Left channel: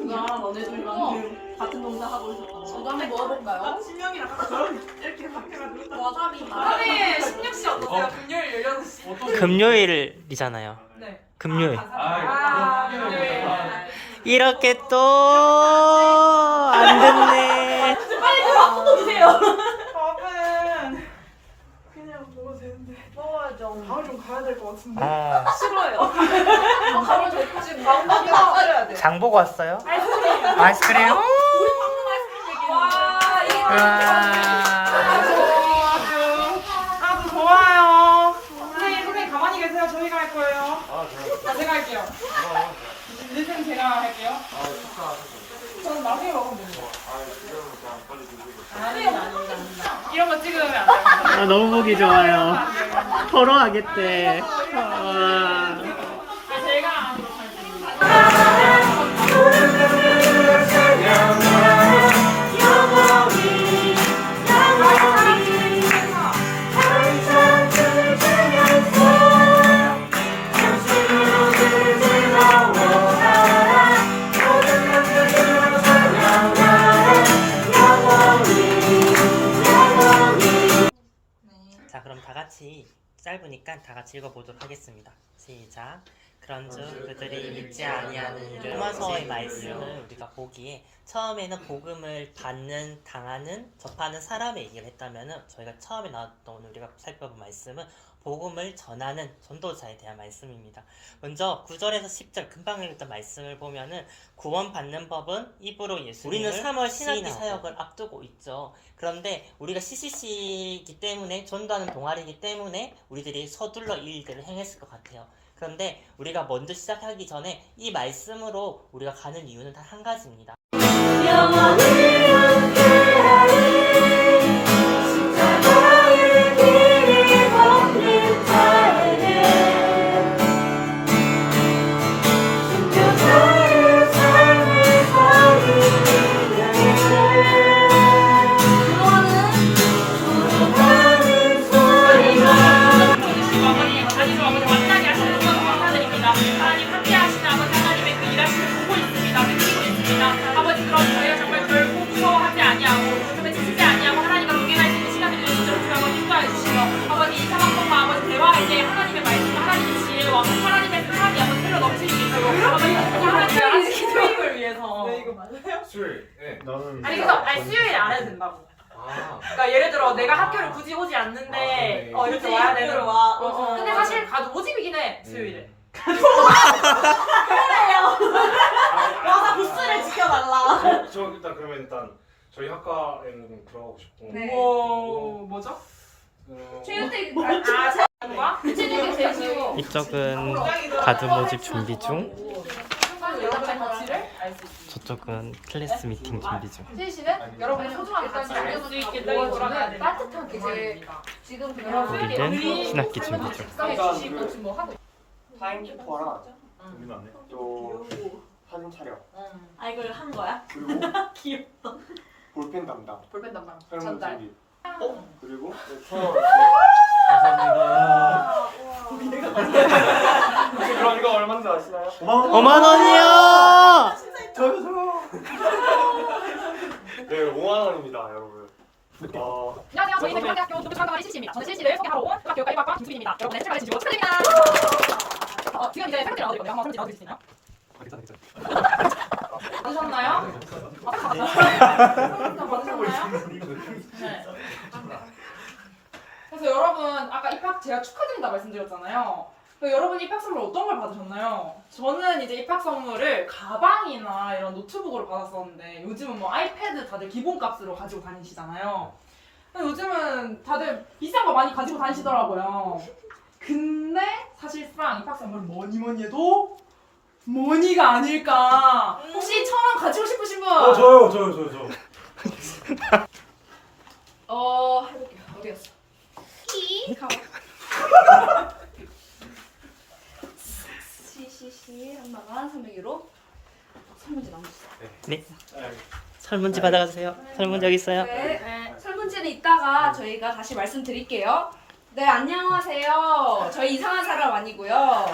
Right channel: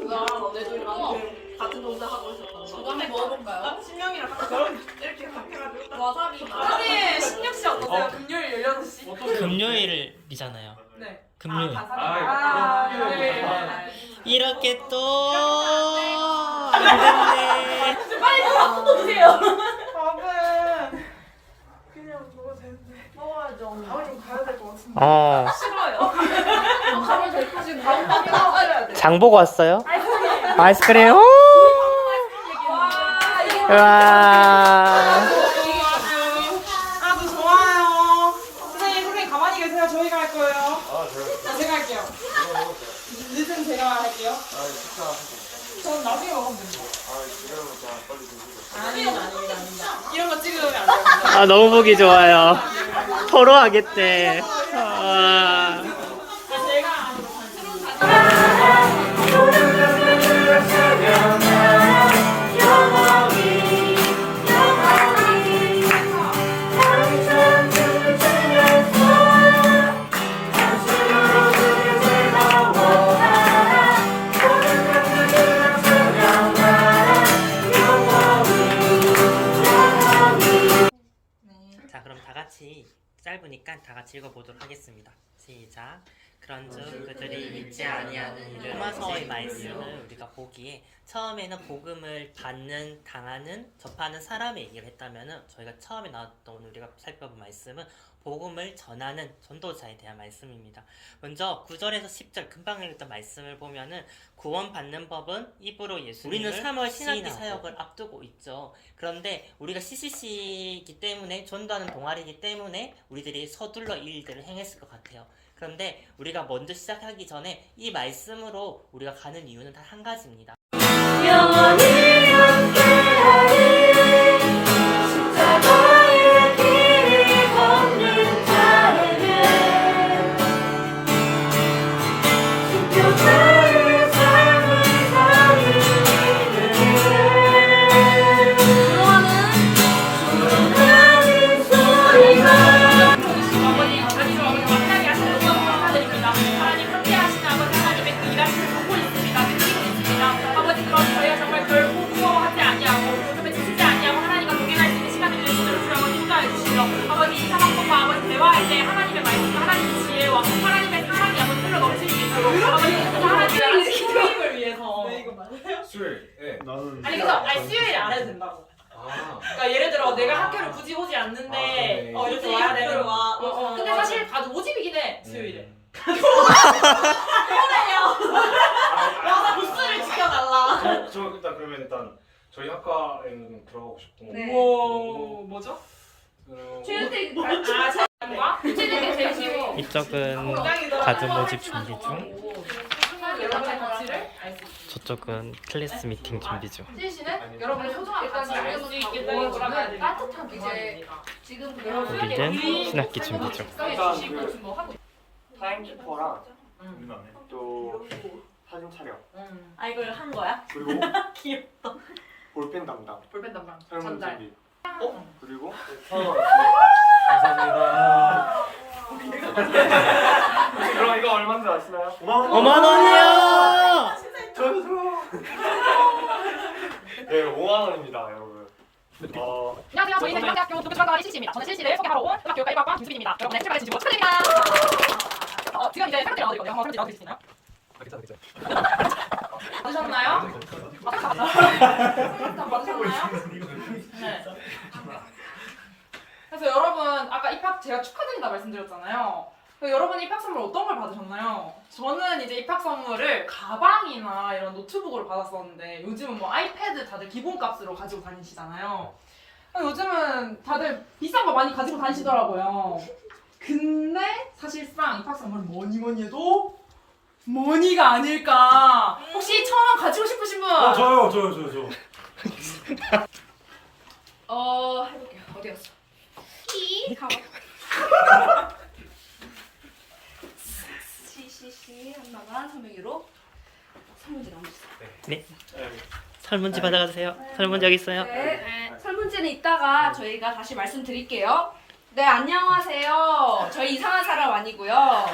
그냥 너네들이랑 같은 동작 하고 있었던 거. 저도 한번 먹어볼까요? 신명이랑 같이 이렇게 가까이 와사비 선생님 16시 어떠세요? 금요일 16시 금요일이잖아요. 네 금요일. 아, 네. 이렇게 또 안 됐네. 빨리 밥 뜯어 주세요 밥은 그냥 먹어야죠. 밥을 좀 가야 될 것 같은데. 어. 싫어요 어, 가면 돼. 지금 망고 먹어야 돼. 장 보고 왔어요? 아이스크림 아이스크림. 오! 와 이거 와. 아주 좋아요. 선생님, 선생님 가만히 계세요. 저희가 할 거예요. 아, 제가 할게요. 리듬 제가 할게요. 전 나중에 먹으면 됩니다. 아닙니다, 아닙니다, 아닙니다. 이런 거 찍으면 안 됩니다. 아 너무 보기 좋아요. 토로하겠대. 와. 같이 짧으니까 다 같이 읽어보도록 하겠습니다. 시작. 그런즉 그들이 믿지 아니하는 이를 로마서의 말씀을 우리가 보기에 처음에는 복음을 받는 당하는 접하는 사람의 얘기를 했다면은 저희가 처음에 나왔던 오늘 우리가 살펴본 말씀은 복음을 전하는 전도자에 대한 말씀입니다. 먼저 9절에서 10절 금방 읽었던 말씀을 보면은 구원받는 법은 입으로 예수님을 우리는 3월 신학기 사역을 앞두고 있죠. 그런데 우리가 CCC이기 때문에 전도하는 동아리이기 때문에 우리들이 서둘러 이 일들을 행했을 것 같아요. 그런데 우리가 먼저 시작하기 전에 이 말씀으로 우리가 가는 이유는 단 한 가지입니다. 영원히 그럼 저희가 정말 결코 무서워하지 아니하고 지치지 아니하고 하나님과 동행할 시간을 주시도록 주여 인도해 주시고 아버지 이 상황과 아버지 대화할 때 하나님의 말씀과 하나님의 지혜와 하나님의 사랑이 아버지 흘러 넘칠 수 있도록 아버지 하나님의 수요일을 위해서 네, 이거 맞아요? 수요일. 네. 나는 아니 그래서 아니 수요일에 안 해도 된다고. 아. 그러니까 예를 들어 내가 학교를 굳이 오지 않는데 아. 어, 이렇게 와야 학교를 되는 와. 어, 어. 근데 사실 가도 오집이긴 해 수요일에. 와서 일단 저희 학과에는 들어가고 싶고 네. 뭐, 뭐죠? 어, 최근에 아 체육과 체육이 제일 쉬워. 이쪽은 가드 모집 준비 중, 가치를. 저쪽은 클래스 미팅 준비 중. 실 씨는 여러분의 소중한 가치를 알 수 있게 되어주는 따뜻한 동아리입니다. 지금 우리는 신학기 준비 중. 일단 뭐 하고 타임키퍼랑 또 사진 촬영 아, 이걸 한 거야? 그리고 귀엽다. 볼펜 담당 볼펜 담당 설문 전달. 준비 어? 그리고 감사합니다. 그럼 이거 얼마인지 아시나요? 5만 원이요. 네 5만 원입니다 여러분 어, 안녕하세요. 저희는 대학교 노부지원 동아리 실시입니다. 저는 실시를 소개하러 온 중학교 1학과 김수빈입니다. 여러분의 출발해 주시고 축하드립니다. 어, 지금 이제 설문지 나눠드릴 건데요. 한번 설문지 나눠드릴 수 있나요? 괜찮아, 괜찮아. 받으셨나요? 아, 다 받았어요? 다 받으셨나요? 네. 그래서 여러분 아까 입학 제가 축하드린다 말씀드렸잖아요. 여러분 입학 선물 어떤 걸 받으셨나요? 저는 이제 입학 선물을 가방이나 이런 노트북으로 받았었는데 요즘은 뭐 아이패드 다들 기본값으로 가지고 다니시잖아요. 요즘은 다들 비싼 거 많이 가지고 다니시더라고요. 근데 사실상 입학 선물은 뭐니 뭐니 해도 머니가 아닐까. 혹시 천 원 가지고 싶으신 분? 어 저요 저요 저요 저 어 해볼게요. 어디 갔어? CCC 한마만 300유로 설문지 남겨주세요. 네. 설문지 받아가세요. 설문지 여기 있어요. 네. 설문지는 이따가 저희가 다시 말씀드릴게요. 네, 안녕하세요. 저희 이상한 사람 아니고요.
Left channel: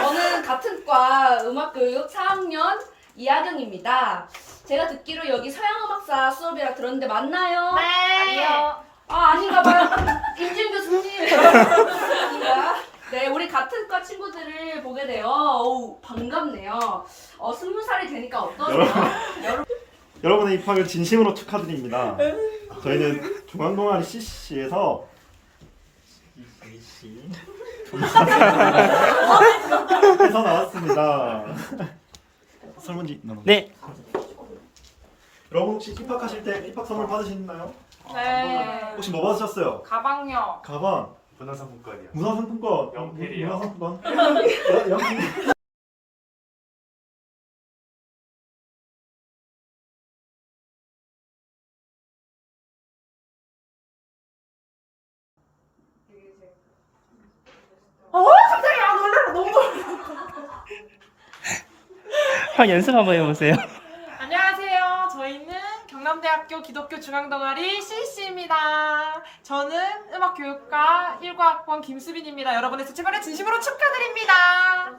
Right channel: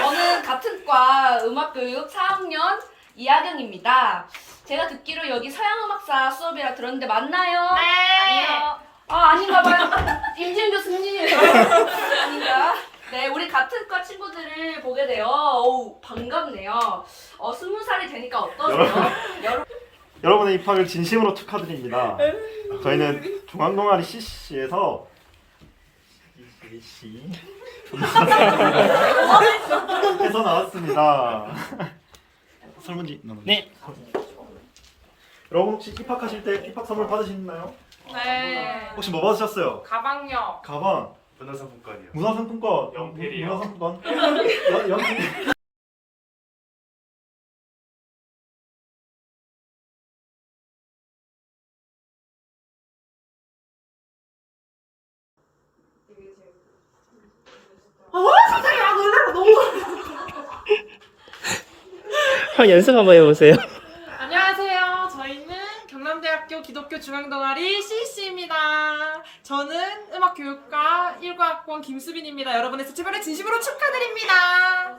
저는 같은 과 음악교육 4학년 이하경입니다. 제가 듣기로 여기 서양음악사 수업이라 들었는데 맞나요? 네. 아니요. 아 아닌가 봐요. 임지은 교수님. 아닌가? 네, 우리 같은 과 친구들을 보게 되어 어우 반갑네요. 어 스무 살이 되니까 어떠세요? 여러분. 여러분의 입학을 진심으로 축하드립니다. 저희는 중앙동아리 CC에서 CC 해서 나왔습니다. 설문지 나눠. 네. 여러분 혹시 입학하실 때 입학 선물 받으셨나요? 네. 혹시 뭐 받으셨어요? 가방요. 가방, 문화상품권이요. 문화상품권, 연필이요. 문화상품권, 연- 연필. 한번 연습 한번 해보세요. 경남대학교 기독교 중앙동아리 CC입니다. 저는 음악교육과 1과학번 김수빈입니다. 여러분의 스치반을 진심으로 축하드립니다.